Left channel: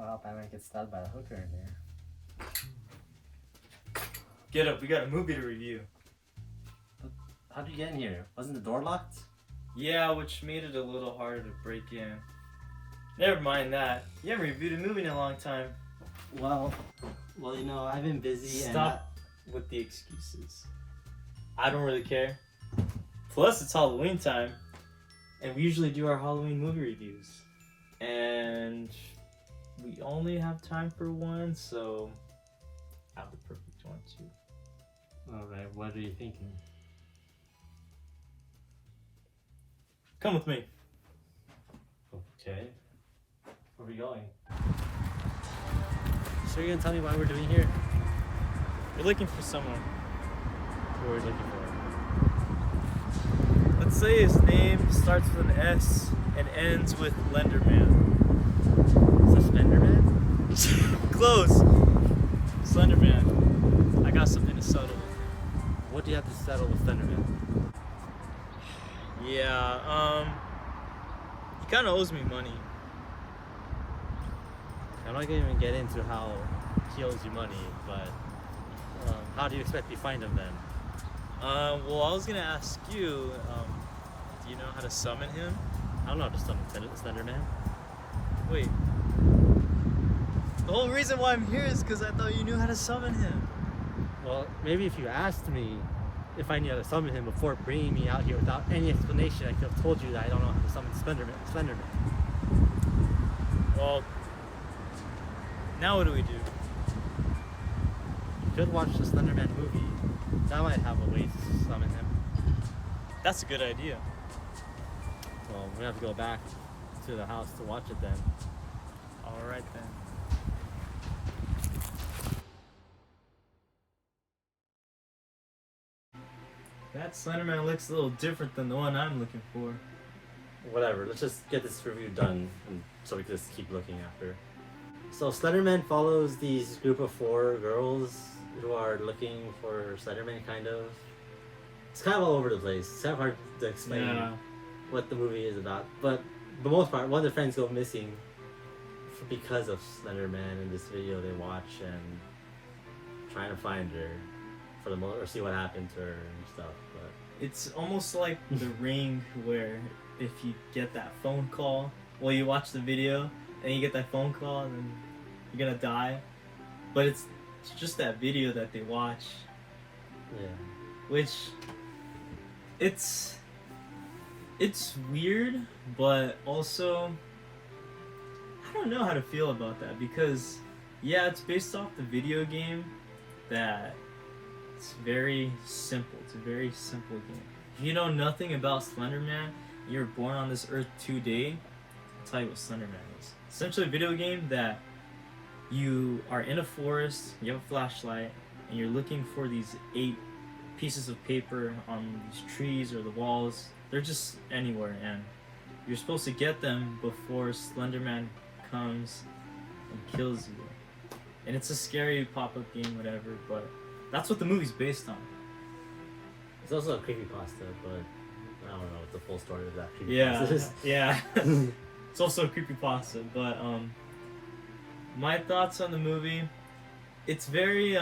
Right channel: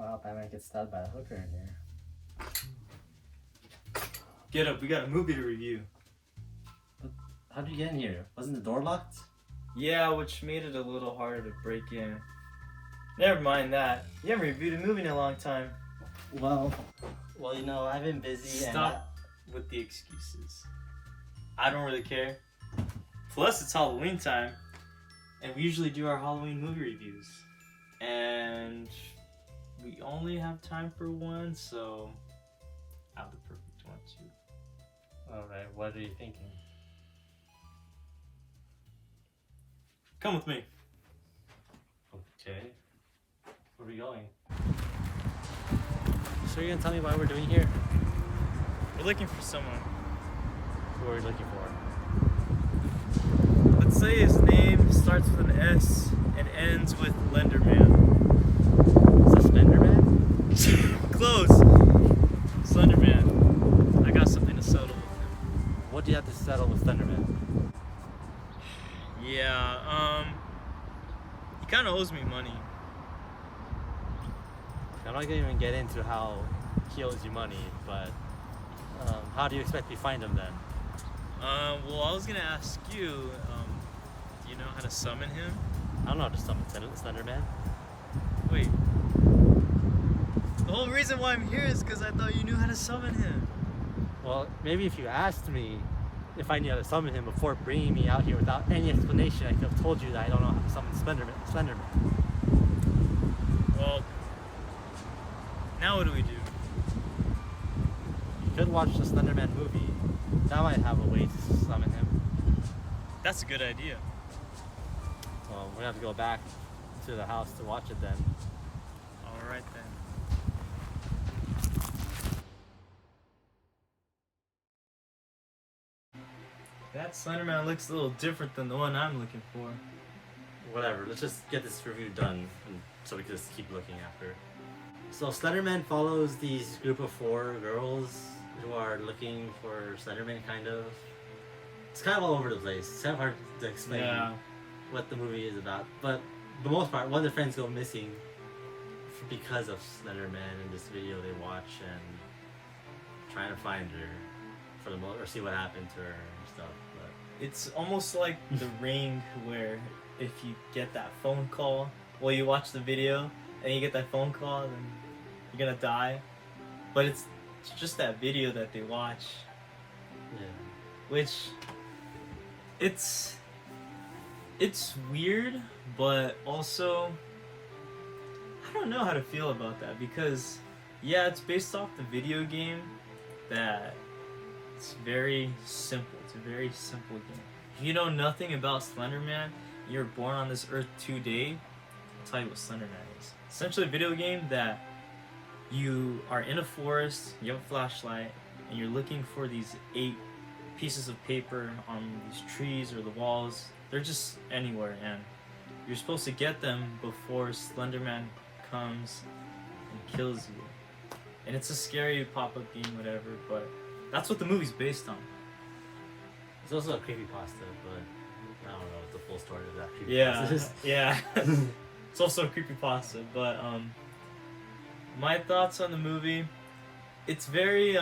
Wow, Batman gets stabbed by a hooker in here. Get up, we got a movie to review. How'd you get in here? Wasn't the door locked? Yeah, which made it a little harder to break in. Never mind that. You haven't reviewed a movie in a long time. Well, you know, I've been busy. Stop with the excuses. I don't really care. Plus, it's Halloween time, and we usually do our Halloween movie reviews. And we only have time for one, so I have the perfect one too. Alright, what are you thinking? Come with me. Okay. Where are we going? Sure you're gonna tell me why we're doing here? We're looking for someone. Who are we looking for? Let's say his name starts with an S and ends with Lenderman. Is this Slenderman? Close. Slenderman. I got something to settle with him. What do you have to settle with Slenderman? Yeah, he kind of owes me money. I'm not gonna even get into how he owes you money, but how do you expect to find him then? Well, I was gonna ask you, do you know how to summon him? I don't know how to summon Slenderman. Wait. The whole reason why I'm here is because I thought you knew how to summon him. Well, maybe if you asked me if I knew how to summon him before bringing me out here without any explanation, I could have told you that I don't know how to summon Slenderman. Well, now what do we do? You could watch the Slenderman movie. That might have a way to summon him. That's a good idea. Well, we're gonna have to go back to the house to watch it then. Alright then. That Slenderman looks a little different than the one I'm looking for. Whatever, let's just get this review done and so we can just keep looking after. So Slenderman follows these group of 4 girls who are looking for Slenderman, kind of. It's kind of all over the place. It's kind of hard to explain what the movie is about. But for the most part, one of the friends go missing because of Slenderman in this video they watch, and trying to find her for the or see what happened to her and stuff. But it's almost like The Ring, where if you get that phone call, well, you watch the video and you get that phone call, then you're gonna die. But it's just that video that they watch. Yeah. Which it's weird, but also I don't know how to feel about that, because yeah, it's based off the video game that it's very simple. It's a very simple game. If you know nothing about Slenderman, you're born on this earth today, I'll tell you what Slenderman is. Essentially a video game that you are in a forest, you have a flashlight, and you're looking for these 8 pieces of paper on these trees or the walls. They're just anywhere, and you're supposed to get them before Slenderman comes and kills you. And it's a scary pop-up game, whatever, but that's what the movie's based on. It's also a creepypasta, but I don't know what the full story of that creepypasta is. Yeah. It's also a creepypasta, but my thoughts on the movie, it's very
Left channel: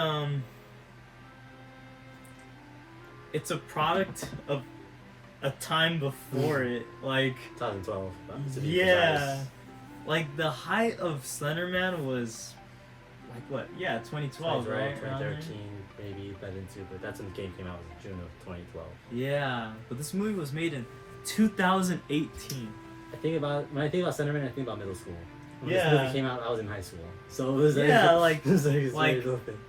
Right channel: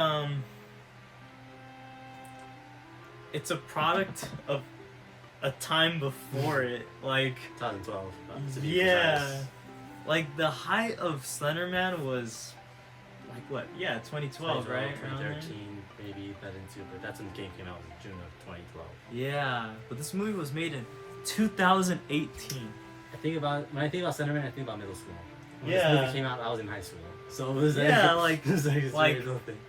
it's a product of a time before it, like 2012, to be precise. Like the height of Slenderman was like what? Yeah, 2012, right? 2013, maybe that into, but that's when the game came out, in June of 2012. Yeah, but this movie was made in 2018. When I think about Slenderman, I think about middle school. When Yeah. this movie came out, I was in high school, so it was Yeah, it was like a thing.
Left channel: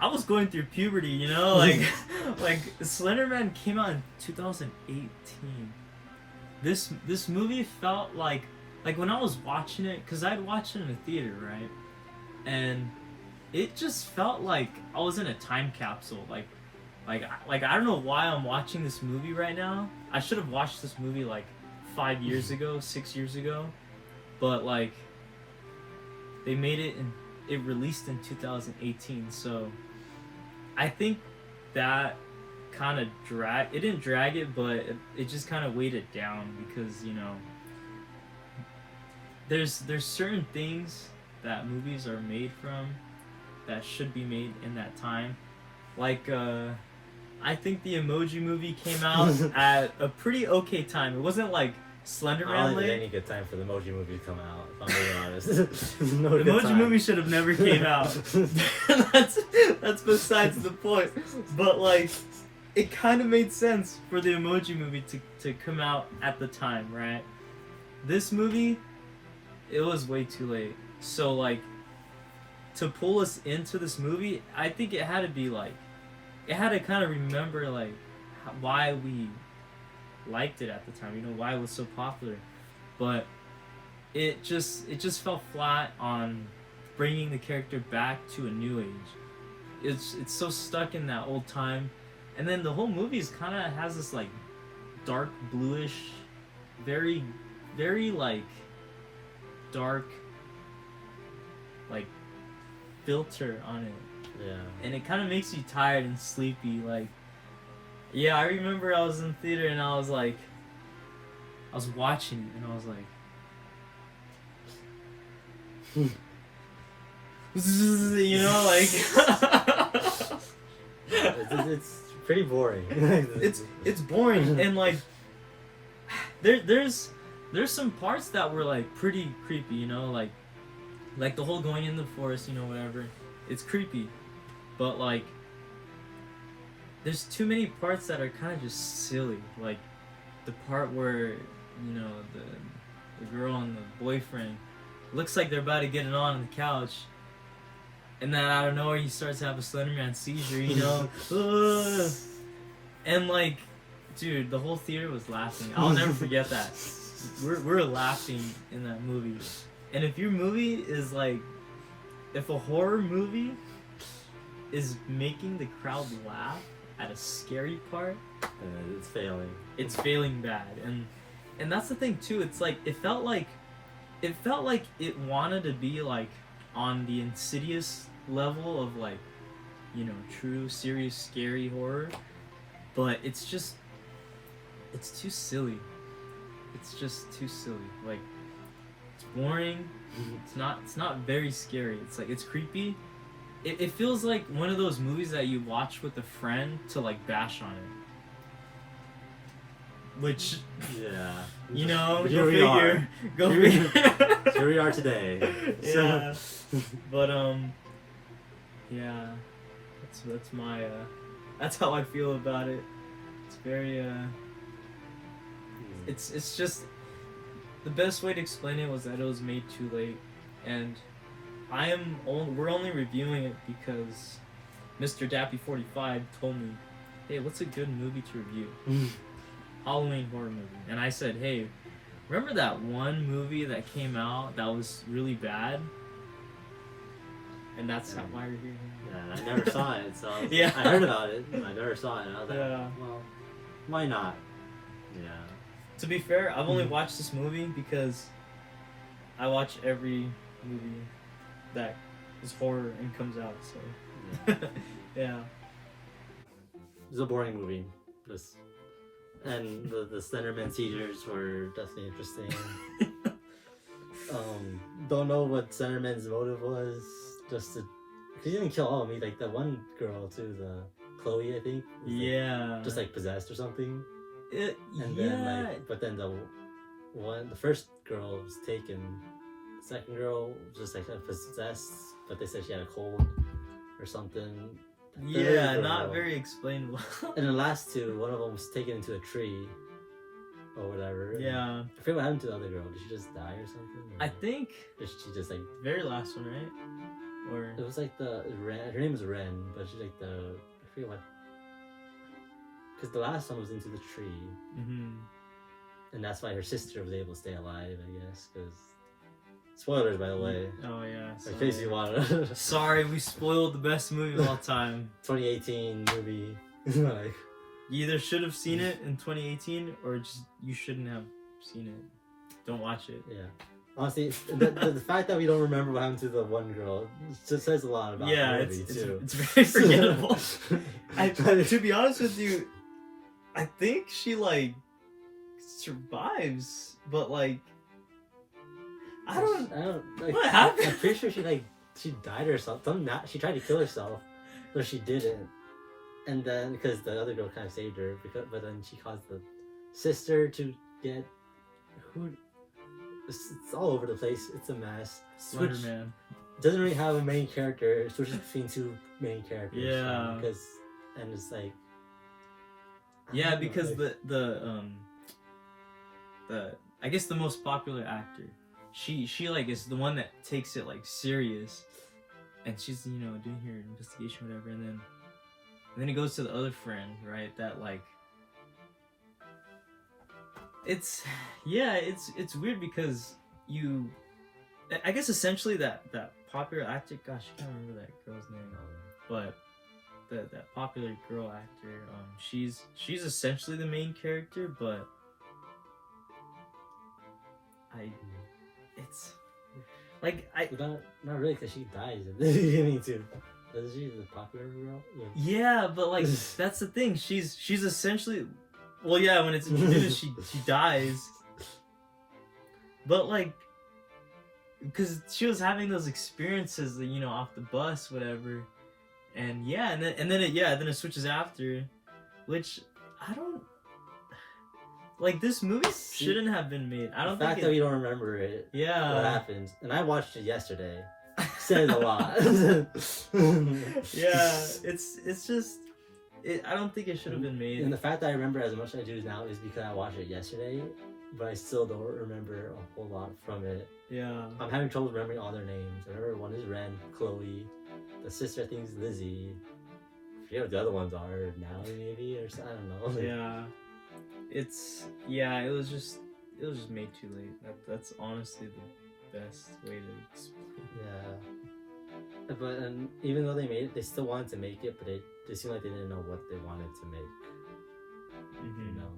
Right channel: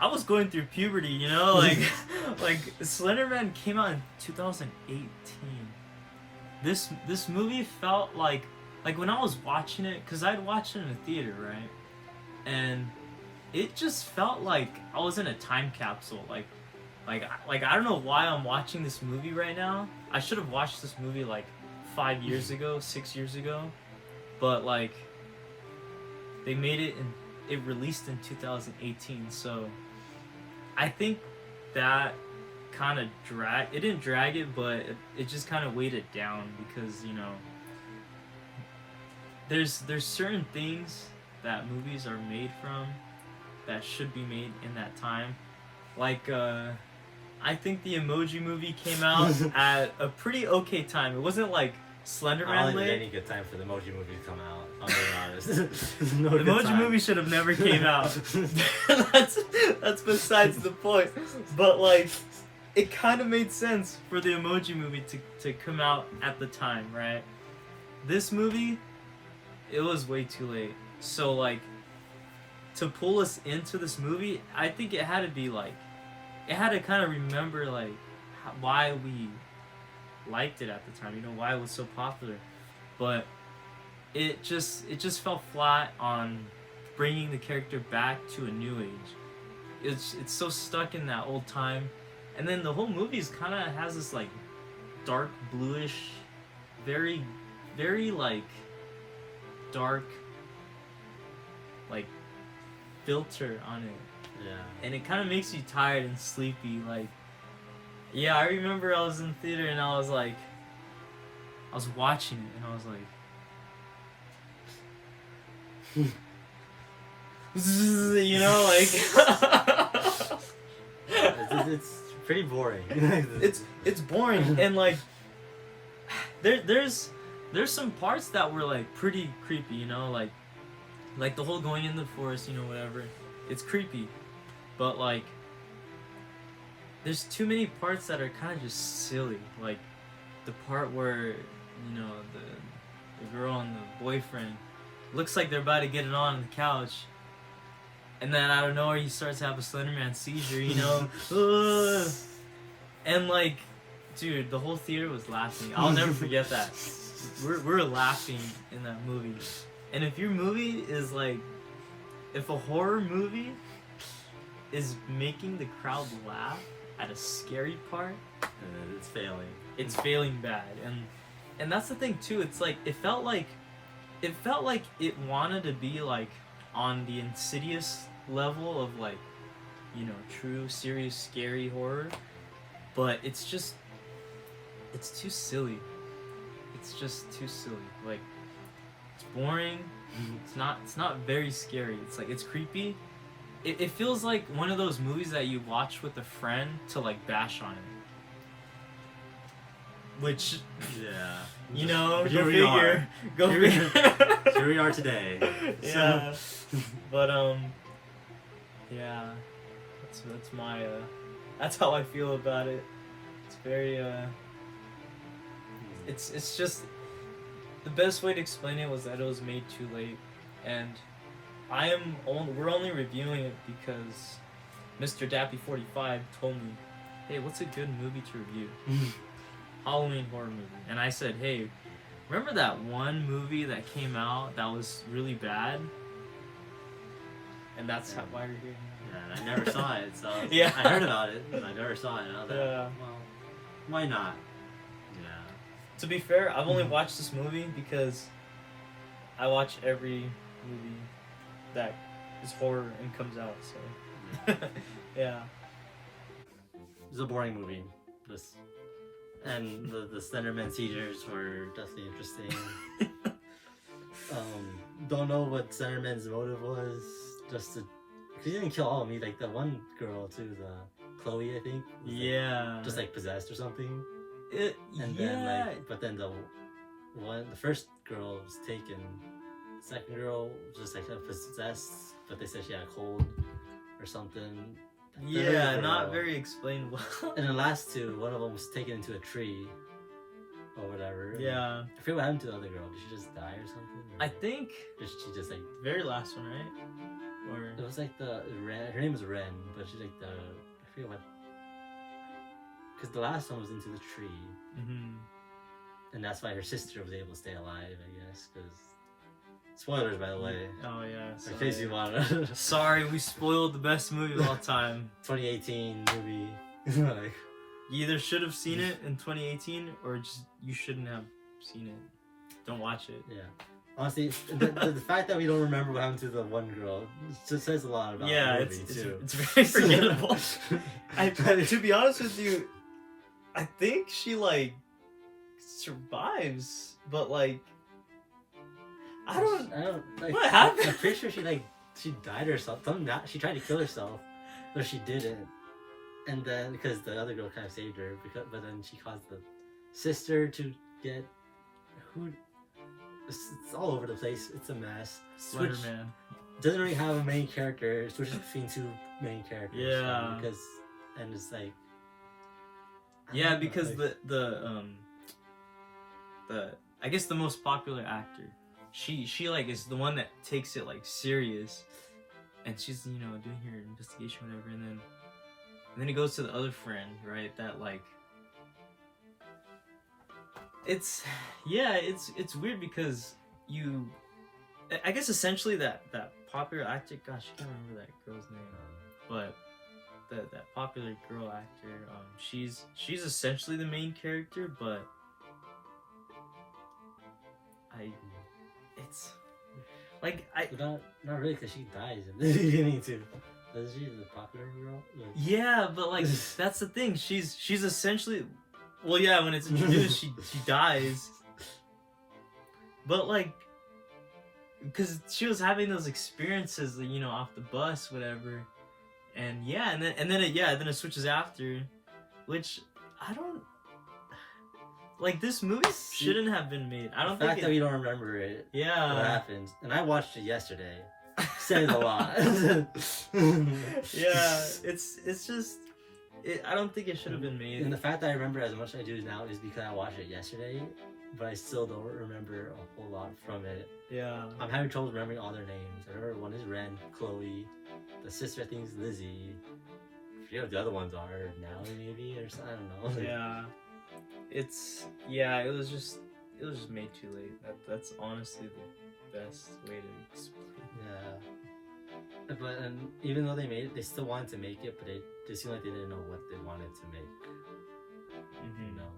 I was going through puberty, you know, like like Slenderman came out in 2018. This movie felt like when I was watching it, because I'd watched it in a theater, right? And it just felt like I was in a time capsule. Like I don't know why I'm watching this movie right now. I should have watched this movie like 5 years ago, 6 years ago, but like they made it and it released in 2018. So I think that kind of it didn't drag it, but it just kind of weighed it down, because you know there's certain things that movies are made from that should be made in that time. Like, I think the Emoji Movie came out at a pretty okay time. It wasn't like Slender I Man don't think lit. there's any good time for the Emoji Movie to come out, if I'm being honest. No The good Emoji time. Movie should have never came out. that's besides the point. But like, it kind of made sense for the Emoji Movie to come out at the time, right? This movie, it was way too late. So like, to pull us into this movie, I think it had to be like, it had to kind of remember like why we liked it at the time, you know, why it was so popular. But it just fell flat on bringing the character back to a new age. It's so stuck in that old time, and then the whole movie is kind of has this like dark bluish, very like dark like filter on it. Yeah. And it kind of makes you tired and sleepy. Like, yeah, I remember I was in theater and I was watching and I was like, you know, like, it's pretty boring. it's boring. And like, there's some parts that were like pretty creepy, you know, like the whole going in the forest, you know, whatever. It's creepy. But like, there's too many parts that are kind of just silly. Like the part where, you know, the girl and the boyfriend looks like they're about to get it on the couch, and then out of nowhere he starts to have a Slenderman seizure, you know. And like, dude, the whole theater was laughing. I'll never forget that. We're laughing in that movie. And if your movie is like, if a horror movie is making the crowd laugh at a scary part, it's failing. It's failing bad. And that's the thing too. It's like it felt like it wanted to be like on the Insidious level of like, you know, true, serious, scary horror, but it's too silly. It's just too silly. Like, it's boring. It's not very scary. It's like, it's creepy. It feels like one of those movies that you watch with a friend to like bash on it. Which, yeah, you know, but here go we figure. are. Go Here we- figure. Here we are today. Yeah. But yeah, that's my that's how I feel about it. It's very it's just the best way to explain it was that it was made too late, and we're only reviewing it because Mr. Dapie 45 told me, hey, what's a good movie to review? Halloween horror movie. And I said, hey, remember that one movie that came out that was really bad? And that's why we're here. Yeah, I never saw it, so Yeah. I heard about it, but I never saw it. I was like, Yeah. well, why not? Yeah. To be fair, I've only watched this movie because I watch every movie that is horror and comes out, so yeah. It's a boring movie. And the Slenderman seizures were definitely interesting. Don't know what Slenderman's motive was. Just to, cause he didn't kill all of me. Like the one girl too, the Chloe, I think. Was, like, Yeah. just like possessed or something. And Then like, but then the first girl was taken. The second girl was just like possessed, but they said she had a cold or something. The third yeah, girl- not very explainable. And the last two, one of them was taken into a tree or whatever. Yeah. I forget what happened to the other girl. Did she just die or something? Or I think did she just like? very last one, right? Or It was like the Ren. Her name was Ren, but she's like the. I forget what. Because the last one was into the tree, and that's why her sister was able to stay alive. I guess because. Spoilers, by the way. Oh yeah. In case you want to. Sorry, we spoiled the best movie of all time. 2018 movie. Like. You either should have seen it in 2018 or just you shouldn't have seen it. Don't watch it. Yeah. Honestly, the fact that we don't remember what happened to the one girl just says a lot about the movie, too. It's very forgettable. To be honest with you, I think she, like, survives, but, like, I don't. like, What happened? I'm pretty sure she died or something. She tried to kill herself, but she didn't. And then because the other girl kind of saved her, but then she caused the sister to get who. It's all over the place. It's a mess. Slender Man. Doesn't really have a main character. It switches between two main characters. Yeah. And it's like. Yeah, because the I guess the most popular actor, she like is the one that takes it like serious, and she's doing her investigation whatever, and then it goes to the other friend, right? That like it's weird because I guess essentially that popular actor, gosh, I can't remember that girl's name, but that popular girl actor, she's essentially the main character, but it's like not really, because she dies in the beginning too. Isn't she the popular girl? Yeah, but like that's the thing. She's essentially, well, yeah. When it's introduced, she dies. But like, because she was having those experiences, off the bus, whatever, and yeah, and then it switches after, which I don't. Like, this movie shouldn't have been made. I don't think. The fact that we don't remember it. Yeah. What happens? And I watched it yesterday. Says a lot. Yeah, it's just. I don't think it should have been made. And the fact that I remember as much as I do now is because I watched it yesterday, but I still don't remember a whole lot from it. Yeah. I'm having trouble remembering all their names. I remember one is Ren, Chloe. The sister I think is Lizzie. I forget what the other ones are. Natalie maybe or something. I don't know. Yeah. It was just made too late. That's honestly the best way to explain. Yeah. But even though they made it, they still wanted to make it, but they seemed like they didn't know what they wanted to make. Mm-hmm. You know.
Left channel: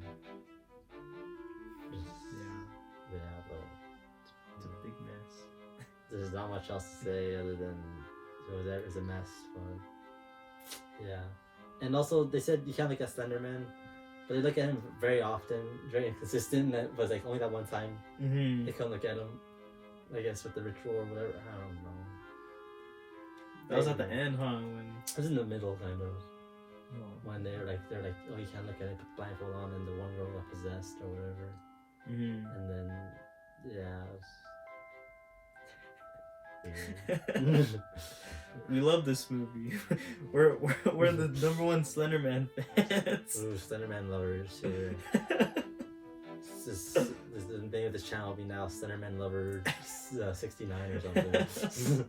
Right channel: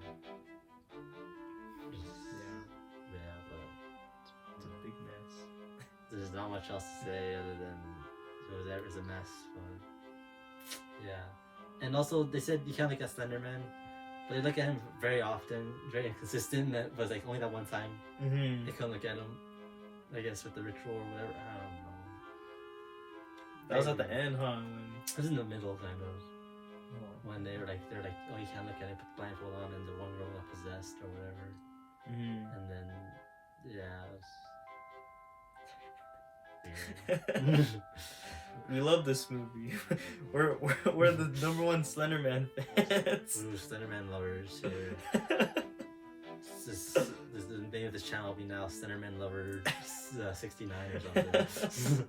Yeah, but it's a big mess. There's not much else to say other than it was a mess. But yeah, and also they said you can't look at Slender Man. But they look at him very often, very inconsistent. That was like only that one time they couldn't look at him. I guess with the ritual or whatever. I don't know. That was at the end, huh? It was in the middle, kind of. Oh. When they're like, oh, you can't look at it. Put the blindfold on, and the one girl got possessed or whatever. And then, yeah. It was weird. We love this movie. We're the #1 Slender Man fans. Ooh, Slender Man lovers here. This the name of this channel will be now Slender Man Lover 69 or something.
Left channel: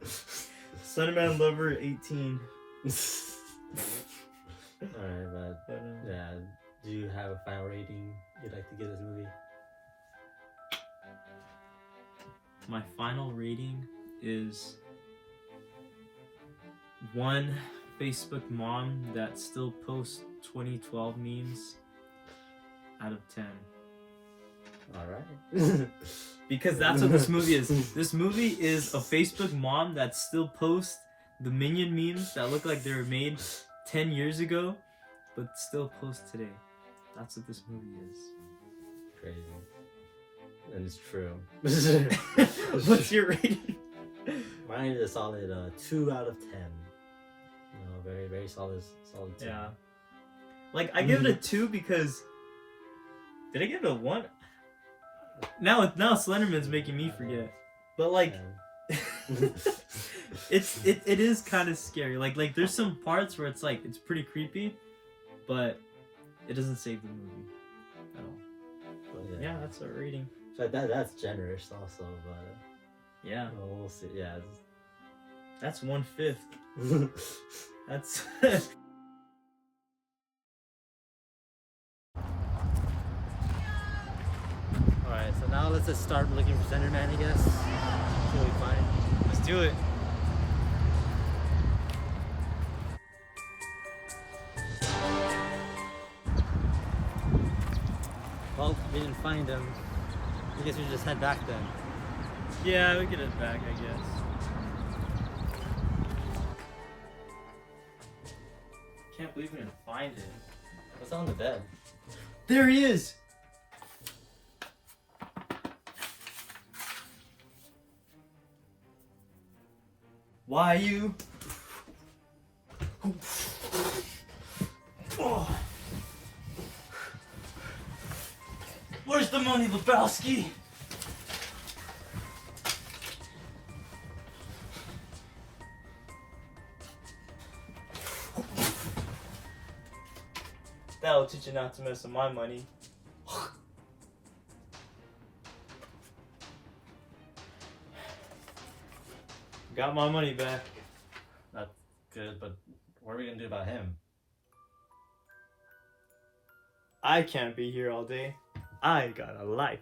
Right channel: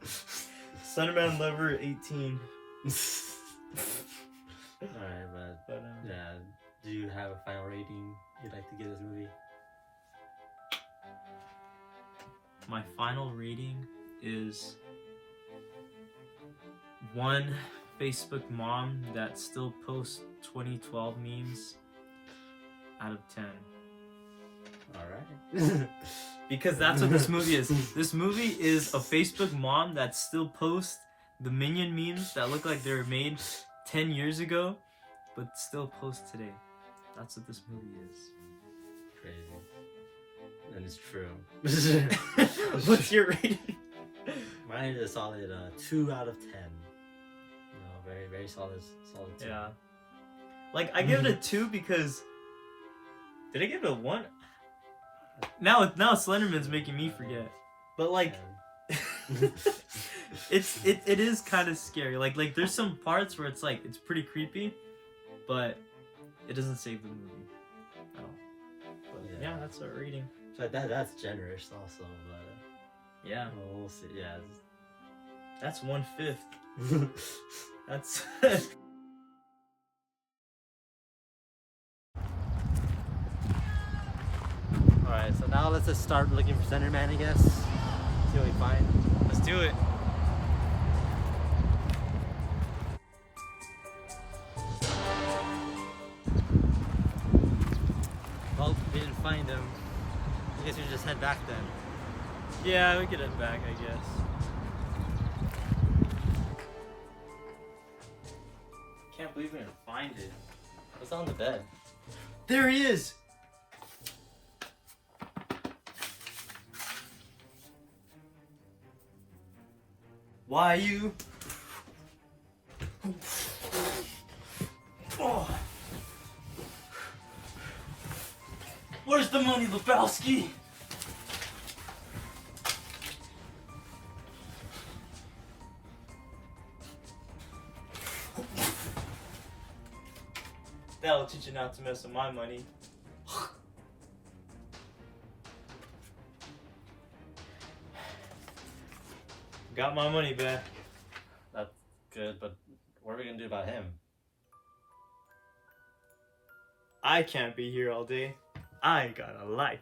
Slender Man Lover 18. Alright, but yeah. Do you have a final rating you'd like to give this movie? My final rating is 1 Facebook mom that still posts 2012 memes out of 10. Alright. Because that's what this movie is. This movie is a Facebook mom that still posts the Minion memes that look like they were made 10 years ago, but still post today. That's what this movie is. Crazy. And it's true. What's your rating? Mine is a solid 2 out of 10. Very, very solid 2. Yeah. Like, I give it a 2 because... Did I give it a 1? Now Slenderman's making me forget. But like... it is kind of scary. Like there's some parts where it's like, it's pretty creepy, but it doesn't save the movie at all. But yeah, that's our rating. So that's generous also, but... Yeah. Well, we'll see. Yeah. That's 1/5. That's... Alright, so now let's just start looking for Slender Man, I guess. See what we find. Let's do it. Well, we didn't find him. I guess we should just head back then. Yeah, we could head back, I guess. Can't believe we're gonna find it. It's on the bed. There he is! Why you? Oh. Where's the money, Lebowski? That'll teach you not to mess with my money. Got my money back. That's good, but what are we gonna do about him? I can't be here all day. I got a life.